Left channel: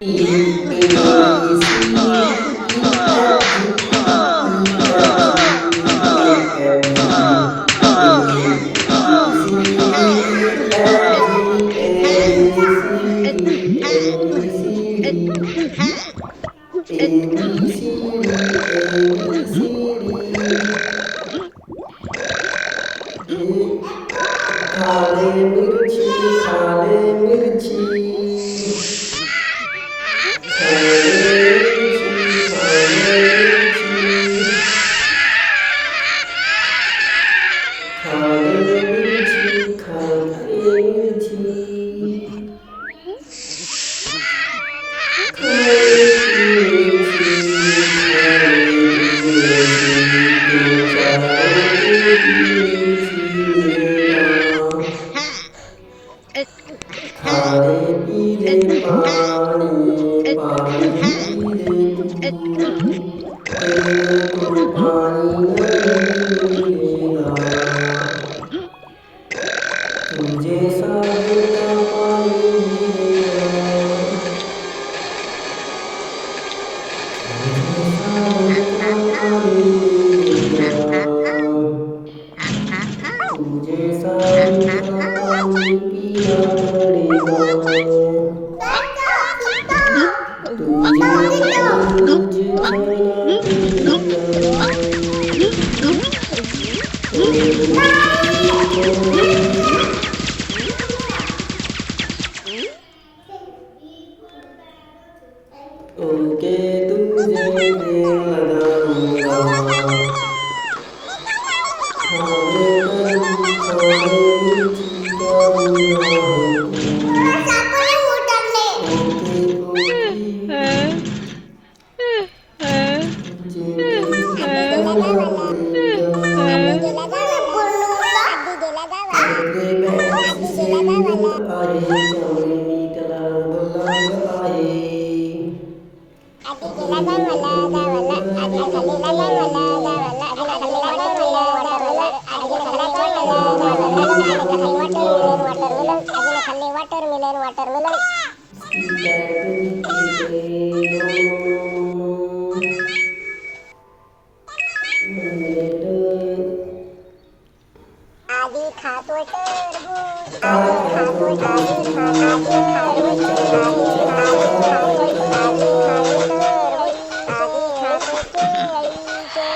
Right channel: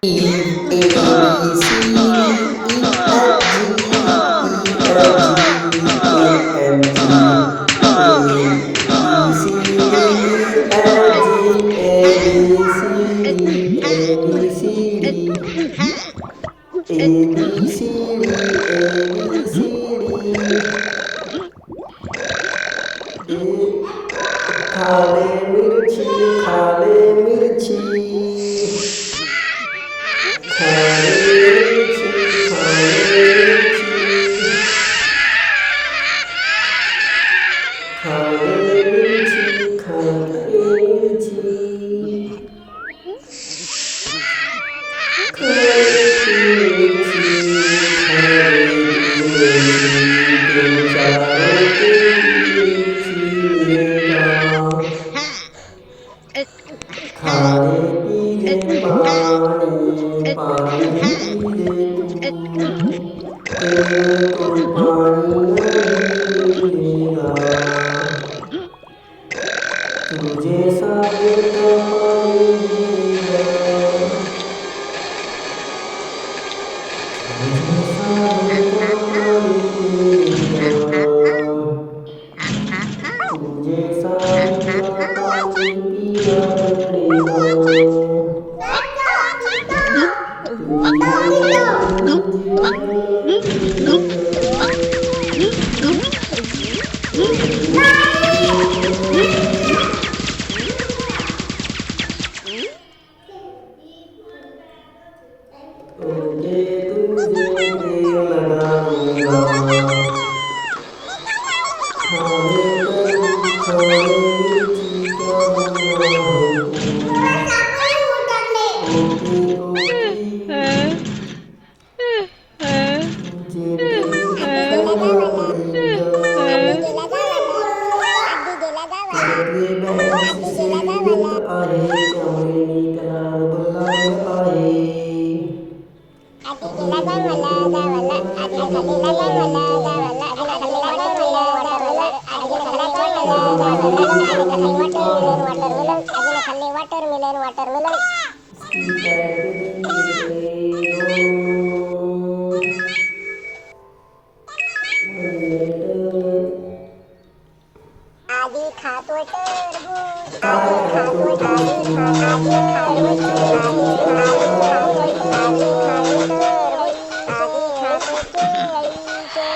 E, A, B, C, D, E, F, G, H, I, J, K, L, M, N, O, P, Q, R, S, T, U, V, खाले मिरची खाले मिरची खाले मिरची खाले मिरची खाले मिरची खाले मिरची खाले की मिरची खाले की मिरची तीन चारों के मिरची मिलेगा खारे पीले पानी पानी पीले तू तेरे को पानी नहीं मिलेगा तुझे सारे का पानी मिलेगा तुझे सारे का पानी मिलेगा तुझे सारे का पानी पीना पड़ेगा तुझे उनके तुझे प्रेम लगाऊंगा खाने पर खाने मिर्ची करूंगा ओके ओके तुझे प्रेम करना पड़ेगा सगळे बॅटरी सेविंग आहे त्यामुळे मी त्याला बोलावलं आहे आधी खातो टरबूज आधी खातो टरबूज आधी खातो टरबूज आधी खातो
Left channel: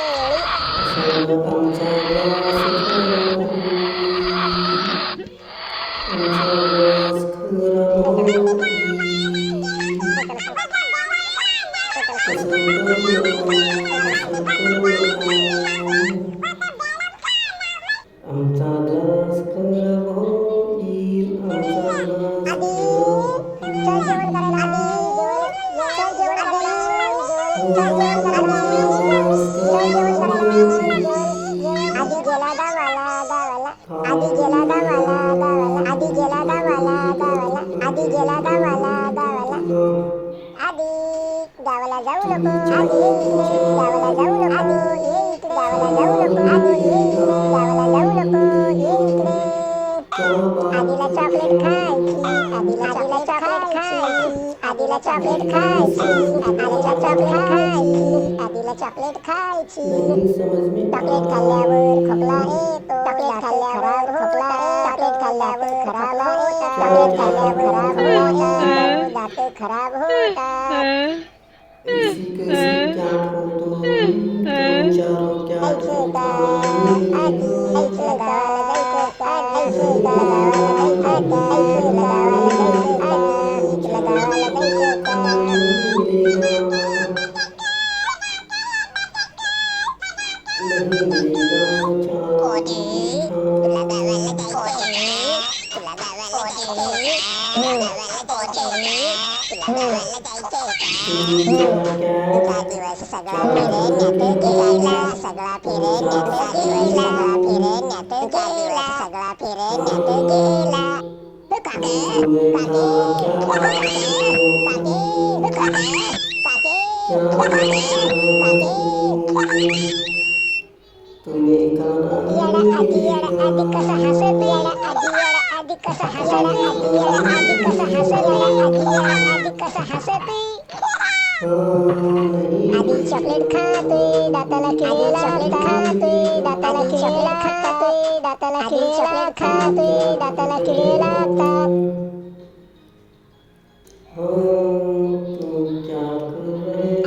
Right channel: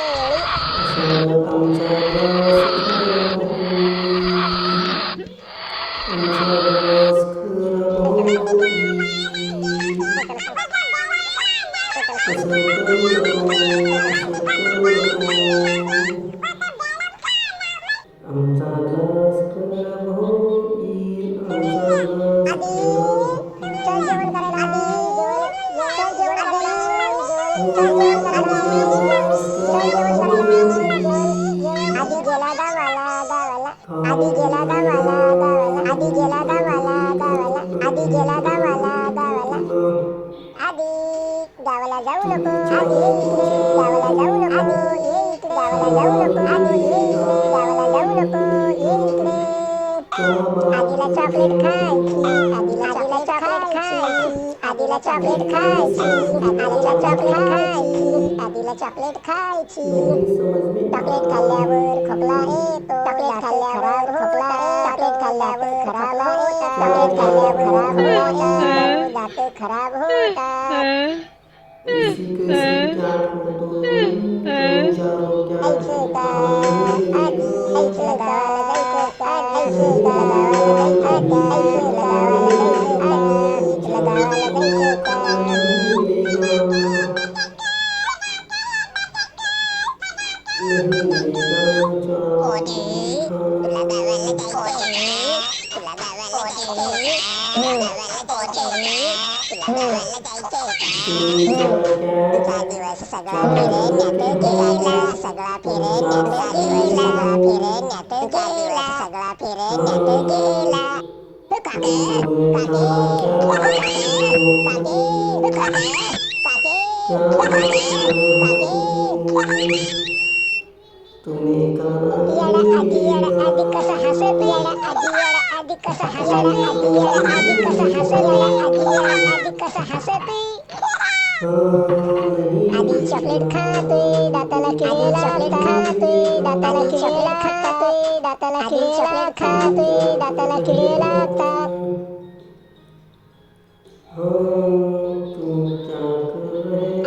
केळी आमचा ग्लास खराब होईल आमचा गावाला जाऊ नको आधी गावाला जाऊ नको ये इकडे गावाला जाऊ नको आधी गावाला जाऊ नको ये इकडे आधीला चॉकलेट खायची आधीला चॉकलेट खायची आधीला चॉकलेट खायची आधीला चॉकलेट खायची आधीला चॉकलेट खायची चॉकलेट खाल्ल्यावर खोकला येतो चॉकलेट खाल्ल्यावर खोकला चॉकलेट खाल्ल्यावर खराब होतात चॉकलेट खाल्ल्यावर खराब होतात दात खराब होतात दिवस सगळा फिरेण्यात गेला सगळा फिरेण्यात गेला फिरेण्यात गेला सगळा फिरेण्यात गेला काके तुम्ही आधी कसा हसत आधी आधी कसं हसला आधी याला आधी कसं हसला आधी याला आधी कसं हसते आधी चॉकलेट खातोय दाताला खिळेला चॉकलेट खातोय दाताला खिळेला खातोय दाताला खिळेला खातोय दाताला खिळेला लागतात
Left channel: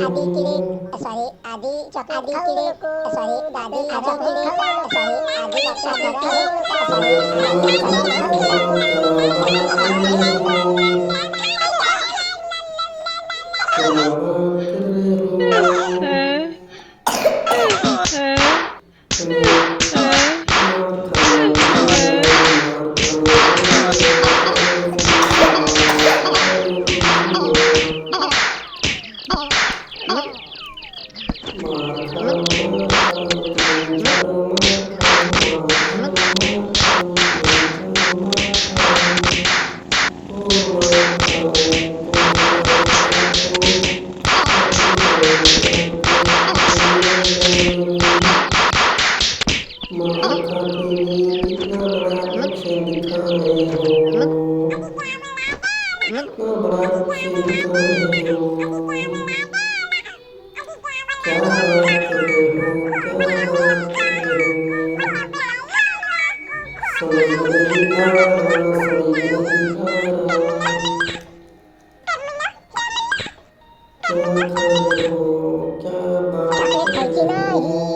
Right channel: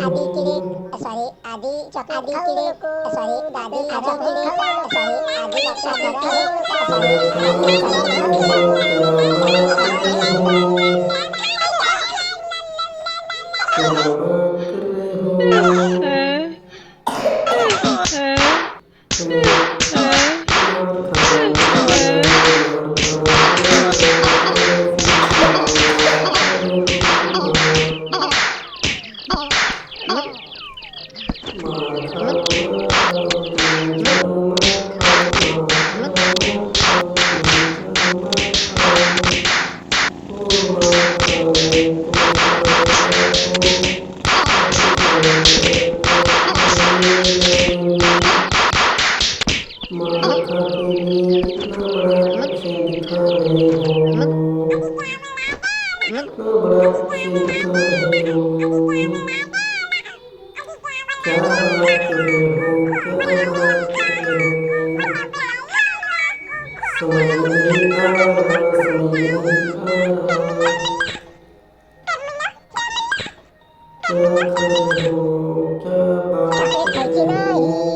आधी किडे सॉरी आधी चॉकलेट खाऊ नको सॉरी आधी चॉकलेट खाऊ नको सॉरी आधी चॉकलेट खाऊ नको सॉरी आधी चॉकलेट खाऊ नको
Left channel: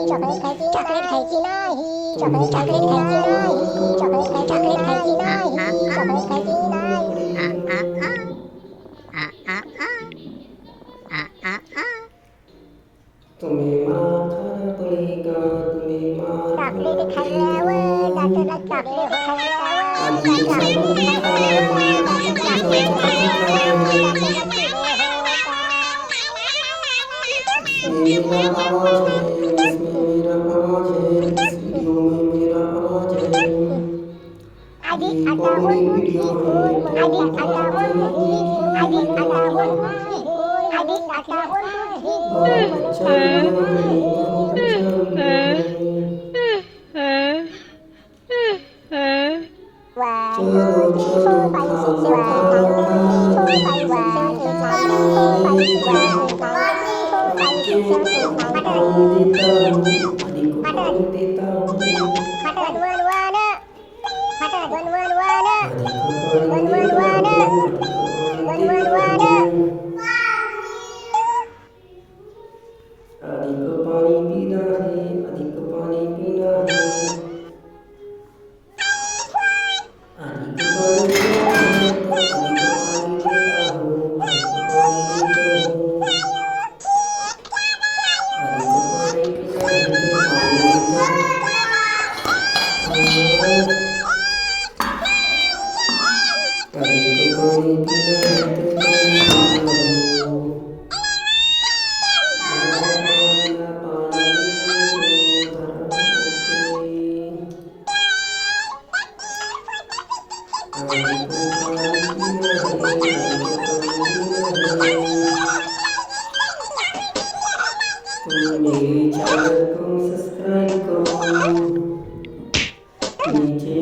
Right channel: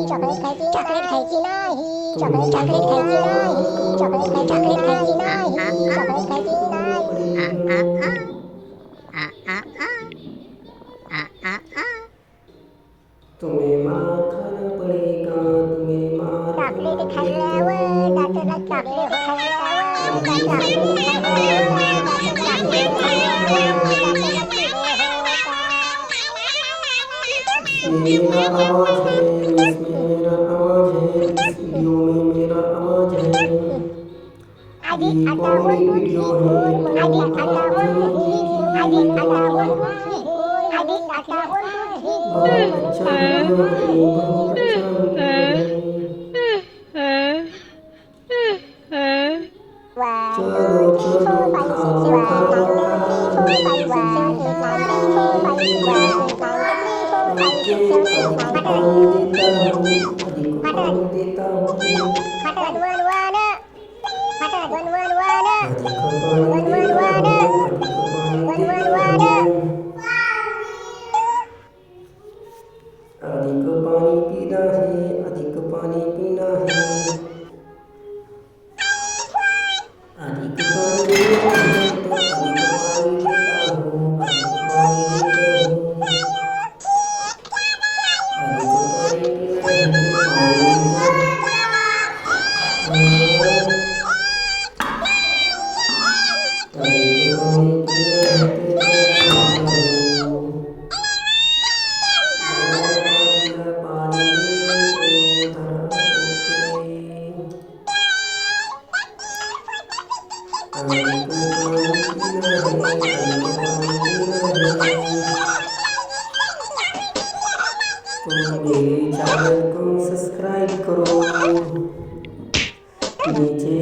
चॉकलेट खायची नाही चॉकलेट खायची नाही चॉकलेट खायची नाही चॉकलेट खायची नाही तुम्हें मार खाना पड़ेगा तुम्हें मार चॉकलेट खाल्ल्यावर दाताला चॉकलेट खाल्ल्यावर चॉकलेट खाल्ल्यावर चॉकलेट खाल्ल्यावर दाताला किडे होतात आधी आता बोल आधी आता बोल आधी आता बोल आधी आता अधिक पानी पीना है अधिक पानी पीना है अधिक पानी पीना है तो अधिक पानी पीता हूँ अधिक पानी पीता हूँ अधिक पानी पीना है तो पानी मेरे चैनल को सब्सक्राइब करो नीचे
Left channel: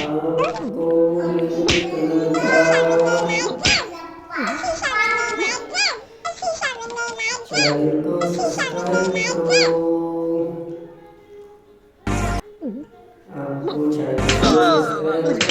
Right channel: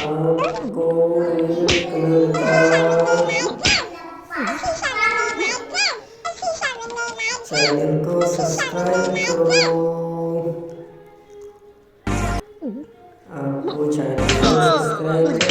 आपको रेड कलर का चैनल को सब्सक्राइब करो आपको चैनल को सब्सक्राइब